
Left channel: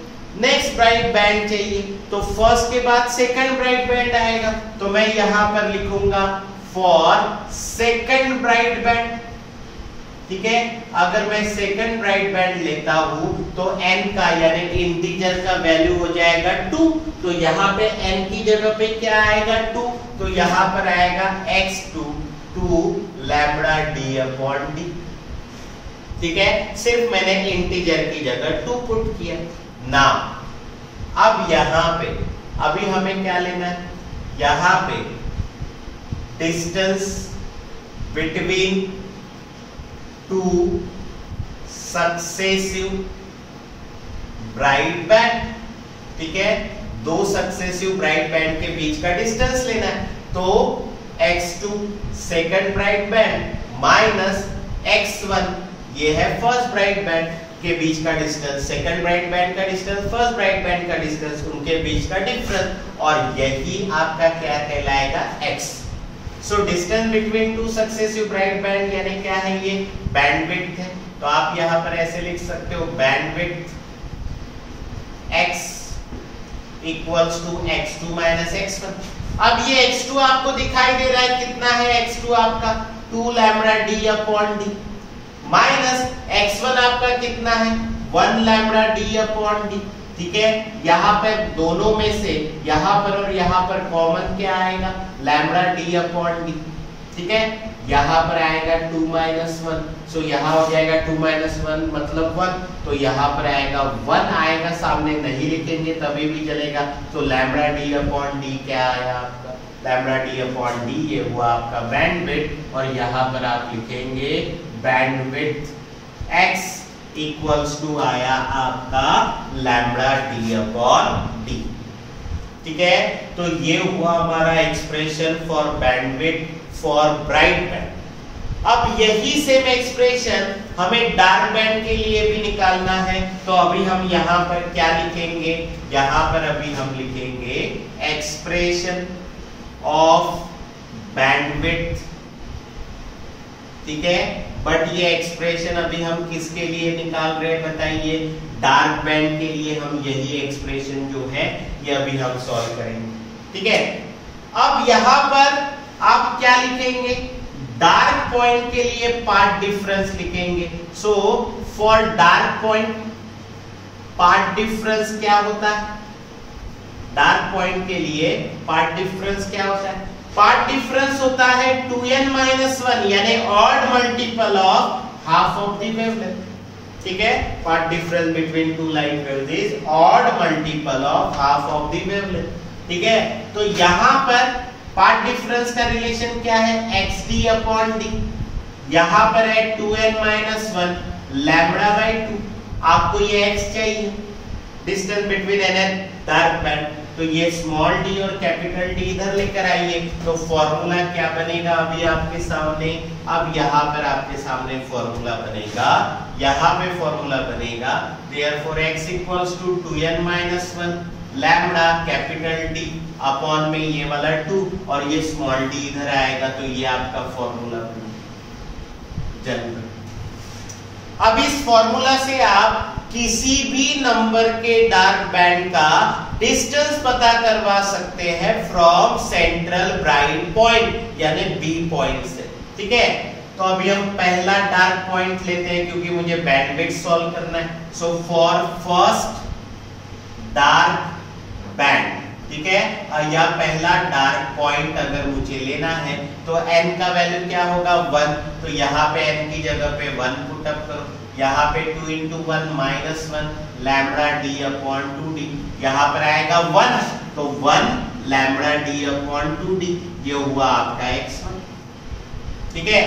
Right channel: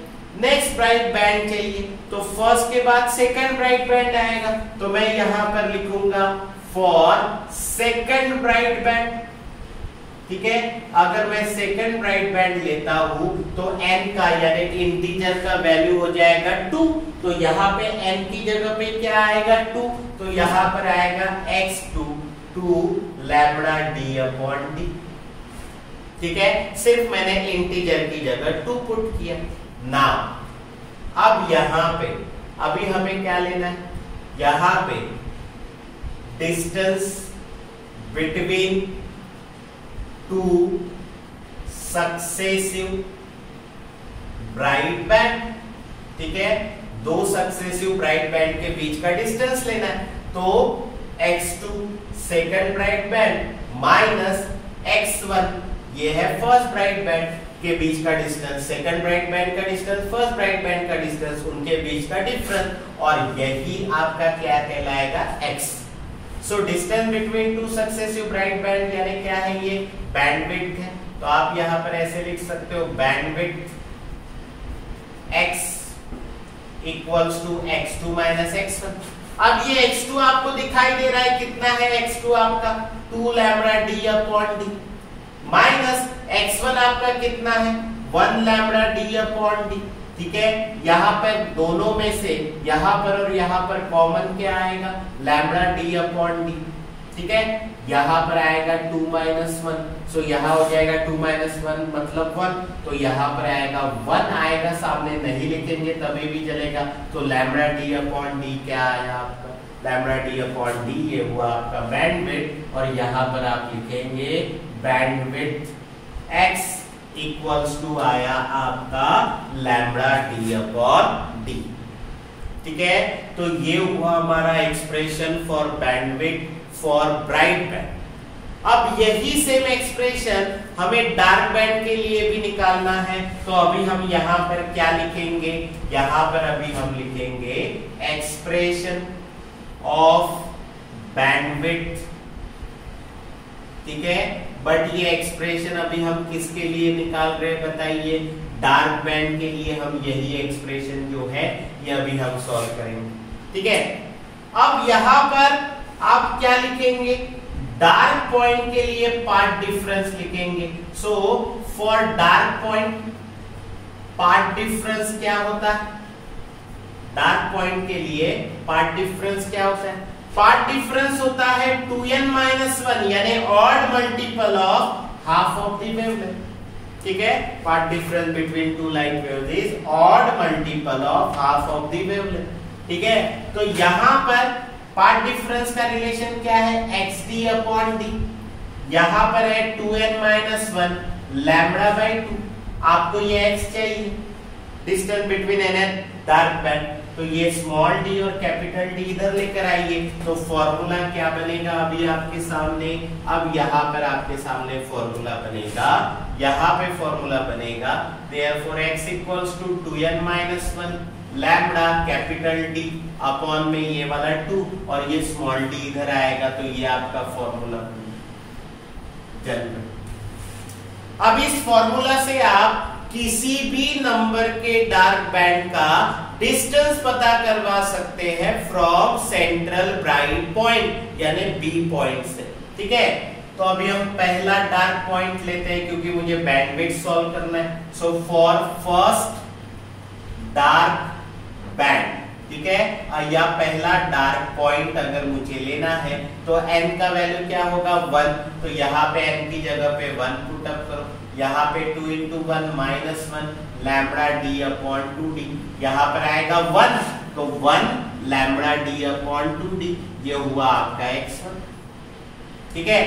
नेक्स्ट ब्राइट बैंड चाहिए, तो फर्स्ट के बाद सेकंड ब्राइट बैंड आएगा, तो मैं यहां पर लिखूंगा फॉर सेकंड ब्राइट बैंड, ठीक है। अगर मैं सेकंड ब्राइट बैंड लेता हूं तो n का यानी इंटीजर का वैल्यू हो जाएगा 2, तो यहां पे n की जगह पे क्या आएगा, 2, तो यहां पर आएगा x2 2 lambda d upon d, ठीक है, सिर्फ मैंने इंटीजर की जगह 2 पुट किया ना। अब यहां पे अभी हमें क्या लेना है, यहां पे distance between two successive bright band, ठीक है, दो सक्सेसिव ब्राइट बैंड के बीच का डिस्टेंस लेना है, तो x2 second bright band minus x1 ये है फर्स्ट ब्राइट बैंड के बीच का डिस्टेंस, सेकंड ब्राइट बैंड का डिस्टेंस, फर्स्ट ब्राइट बैंड का डिस्टेंस, उनके बीच का डिफरेंस, और यही आपका क्या कहलाएगा, x। So distance between two successive bright band यानी क्या है, ये बैंडविड्थ है, तो आप यहां पर ऐसे लिख सकते हो, bandwidth x equals to x2 minus x1। अब ये x2 आपको दिखाई दे रहा है, कितना है x2 आपका, 2 lambda d upon d, minus x1 आपका कितना है, 1 लैम्बडा d अपॉन d, ठीक है। यहाँ पे दोनों में से यहाँ पर और यहाँ पर कॉमन क्या आएगा, लैम्बडा d अपॉन d, ठीक है। यहाँ पर आएगा 2 माइनस 1, सो यहाँ हो जाएगा 2 माइनस 1 मतलब 1, तो यहाँ पर आएगा 1 आएगा, सामने नहीं लिखेंगे तभी भी चलेगा, तो लैम्बडा d अपॉन d क्या आया आपका, लैम्बडा d अपॉन d ये हुआ आपका बैंडविड्थ, और यहाँ पर आप लिखेंगे बैंडविड्थ x इक्वल्स टू आया आपका लैम्बडा d अपॉन d, ठीक है। तो ये हुआ हमारा expression for bandwidth for bright band. अब यही सेम एक्सप्रेशन हमें डार्क बैंड के लिए भी निकालना है, तो अभी हम यहाँ पर क्या लिखेंगे, यहाँ पर अभी हम लिखेंगे एक्सप्रेशन ऑफ बैंडविड्थ, ठीक है। बट ये एक्सप्रेशन अभी हम किसके लिए निकाल रहे हैं बताइए, डार्क बैंड के लिए हम यही एक्सप्रेशन जो है ये अभी हम सॉल्व करेंगे, ठीक है। अब यहां पर आप क्या लिखेंगे, डार्क पॉइंट के लिए पार्ट डिफरेंस लिखेंगे, so for dark point part difference क्या होता है, डार्क पॉइंट के लिए पार्ट डिफरेंस क्या होता है, पार्ट डिफरेंस होता है 2n माइनस 1 यानी odd multiple of half of the wavelength, ठीक है। Path difference between two light waves is odd multiple of half of the wavelength, ठीक है। तो यहां पर पार्ट डिफरेंस का रिलेशन क्या है, xd अपॉन d, यहां पर है 2n माइनस 1 लैम्बडा बाय 2, आपको ये x चाहिए, distance between n and dark band, तो ये स्मॉल d और कैपिटल D इधर लेकर आइए, तो फॉर्मूला क्या बनेगा अभी आपके सामने, अब यहाँ पर आपके सामने फॉर्मूला बनेगा, यहाँ पे फॉर्मूला बनेगा, therefore x equals to 2n minus 1 lambda capital D upon में ये वाला 2 और ये स्मॉल d इधर आएगा, तो ये आपका फॉर्मूला। अब इस फॉर्मूला से आप किसी भी नंबर के डार्क बैंड का डिस्टेंस पता करवा सकते हैं फ्रॉम सेंट्रल ब्राइट पॉइंट यानी बी पॉइंट से। ठीक है, तो अभी हम पहला डार्क पॉइंट लेते हैं क्योंकि मुझे बैंडविड्थ सॉल्व करना है। So for first dark band, ठीक है, या पहला डार्क पॉइंट अगर मुझे लेना है तो n का वैल्यू क्या होगा 1, तो यहाँ पे n की जगह पे 1 पुट अप करो, यहाँ पे 2 into 1 minus 1 lambda d upon 2d, यहाँ पर आएगा 1 तो 1 लैम्बडा d अपॉन 2d, ये हुआ आपका x1। ठीक है,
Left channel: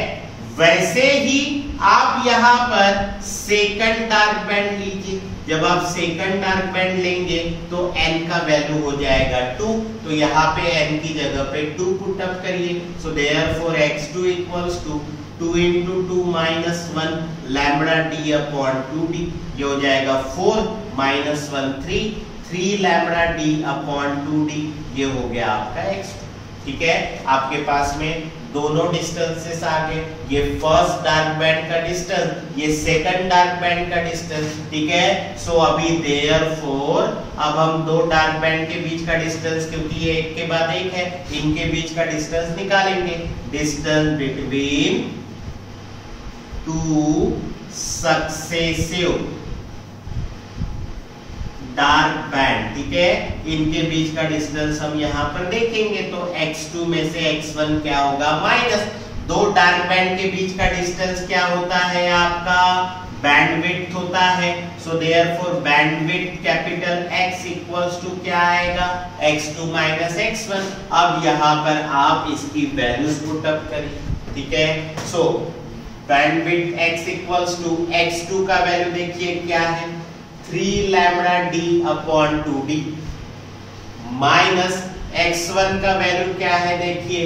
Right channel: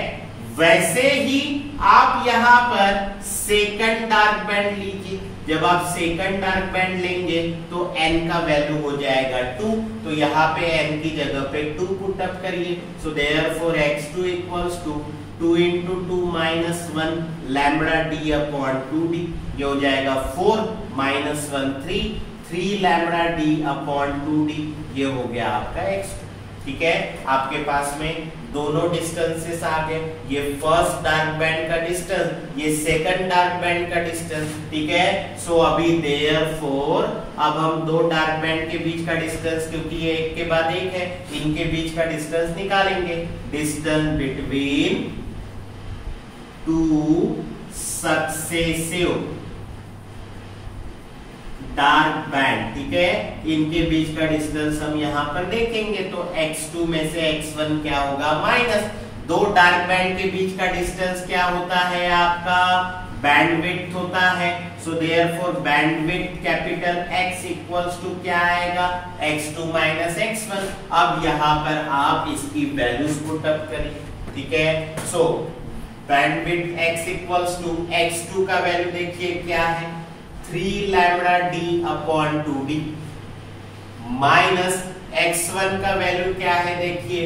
वैसे ही आप यहाँ पर सेकंड डार्क बैंड लीजिए। जब आप सेकंड डार्क बैंड लेंगे तो n का वैल्यू हो जाएगा 2, तो यहाँ पे n की जगह पे 2 पुट अप करिए। So therefore x2 equals to 2 into 2 minus 1 lambda d upon 2d, ये हो जाएगा 4 minus 1 3 lambda d upon 2d, ये हो गया आपका x2। ठीक है, आपके पास में दोनों डिस्टेंसेस आ गए, ये फर्स्ट डार्क बैंड का डिस्टेंस, ये सेकंड डार्क बैंड का डिस्टेंस। ठीक है, सो अभी देयरफॉर अब हम दो डार्क बैंड के बीच का डिस्टेंस, क्योंकि ये एक के बाद एक है, इनके बीच का डिस्टेंस निकालेंगे। Distance between two successive dark band, ठीक है, इनके बीच का डिस्टेंस हम यहाँ पर देखेंगे तो x2 में से x1 क्या होगा माइनस, दो डार्क बैंड के बीच का डिस्टेंस क्या होता है आपका बैंडविड्थ होता है। So therefore bandwidth capital X equals to क्या आएगा x2 माइनस x1। अब यहाँ पर आप इसकी वैल्यूज पुट अप करिए। ठीक है, so bandwidth X equals to x2 का वैल्यू देखिए क्या है 3 lambda d upon 2d minus x1 का वैल्यू क्या है देखिए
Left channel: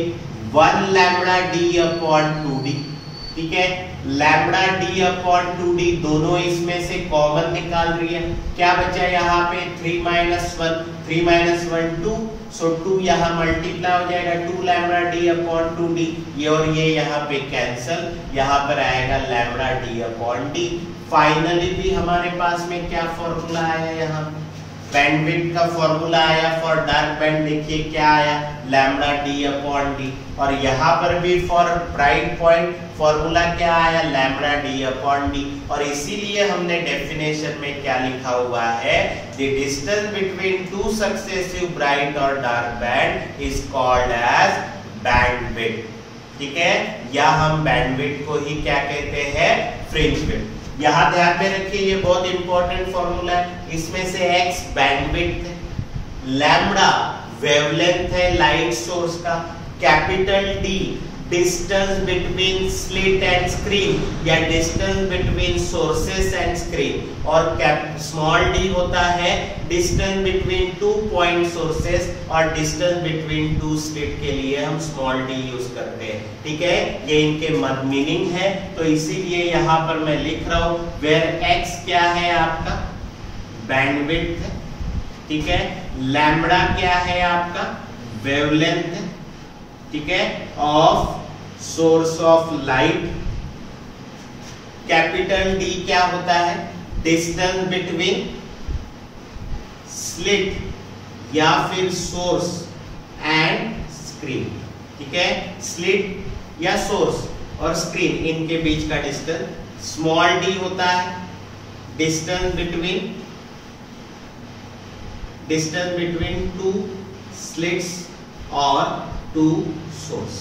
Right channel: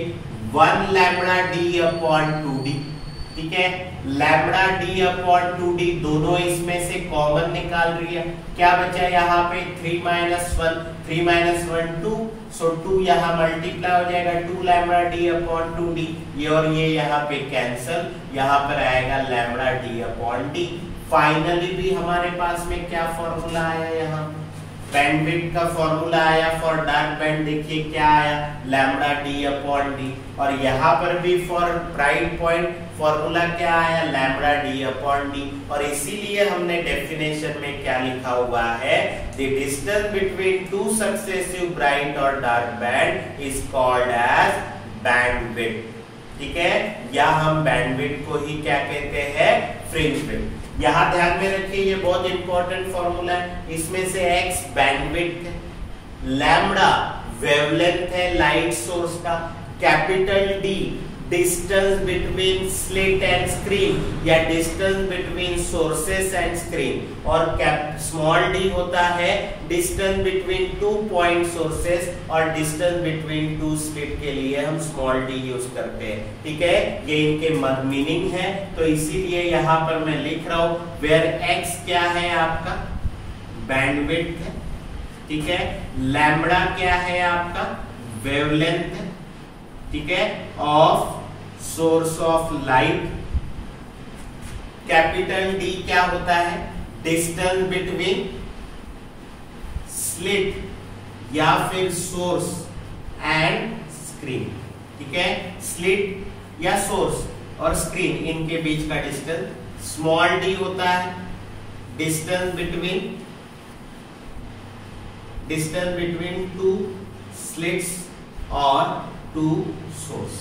1 लैम्बडा d अपॉन 2d। ठीक है, लैम्बडा d अपॉन 2d दोनों इसमें से कॉमन निकाल रही है, क्या बचा यहाँ पे 3 माइनस 1 2, सो 2 यहाँ मल्टीप्लाई हो जाएगा 2 लैम्बडा d अपॉन 2d, ये और ये यहाँ पे कैंसल, यहाँ पर आएगा lambda d upon d। Finally भी हमारे पास में क्या फॉर्मूला आया, यहाँ बैंडविड्थ का फॉर्मूला आया फॉर डार्क बैंड, देखिए क्या आया लैम्बडा d अपॉन d, और यहाँ पर भी फॉर ब्राइट पॉइंट फॉर्मूला क्या आया लैम्बडा d अपॉन d, और इसीलिए हमने डेफिनेशन में क्या लिखा हुआ है the distance between two successive bright और dark band is called as bandwidth. ठीक है, या हम बैंडविड्थ को ही क्या कहते हैं फ्रिंज विड्थ। यहां ध्यान में रखिए ये बहुत इंपॉर्टेंट फॉर्मूला है, इसमें से x बैंडविड्थ है, लैम्बडा वेवलेंथ है लाइट सोर्स का, capital D distance between slit and screen या distance between sources and screen, और स्मॉल d होता है डिस्टेंस बिटवीन 2 पॉइंट सोर्सेस और डिस्टेंस बिटवीन 2 स्लिट के लिए हम स्मॉल d यूज करते हैं। ठीक है, ये इनके मीनिंग है, तो इसीलिए यहाँ पर मैं लिख रहा हूं वेयर x क्या है आपका बैंडविड्थ है। ठीक है, लैम्बडा क्या है आपका वेवलेंथ है। ठीक है, of source of light, capital D क्या होता है डिस्टेंस बिटवीन स्लिट या फिर सोर्स एंड स्क्रीन। ठीक है, स्लिट या सोर्स और स्क्रीन इनके बीच का डिस्टेंस, स्मॉल d होता है डिस्टेंस बिटवीन टू स्लिट्स और टू सोर्स।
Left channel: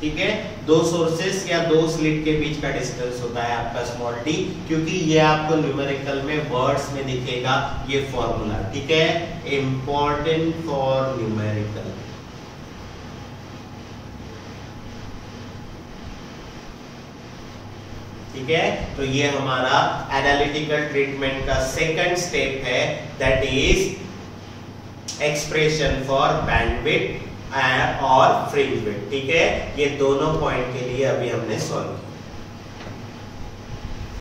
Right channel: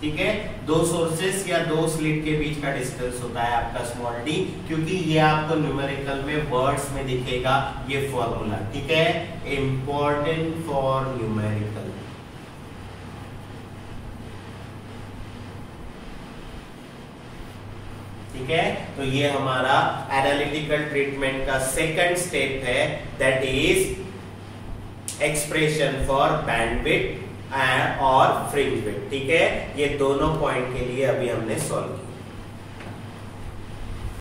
ठीक है, दो सोर्सेस या दो स्लिट के बीच का डिस्टेंस होता है आपका स्मॉल d, क्योंकि ये आपको न्यूमेरिकल में वर्ड्स में दिखेगा ये फॉर्मूला। ठीक है, इंपॉर्टेंट फॉर न्यूमेरिकल। ठीक है, तो ये हमारा एनालिटिकल ट्रीटमेंट का सेकंड स्टेप है, that is expression for bandwidth और फ्रिंज विड्थ। ठीक है, ये दोनों पॉइंट के लिए अभी हमने सॉल्व किया।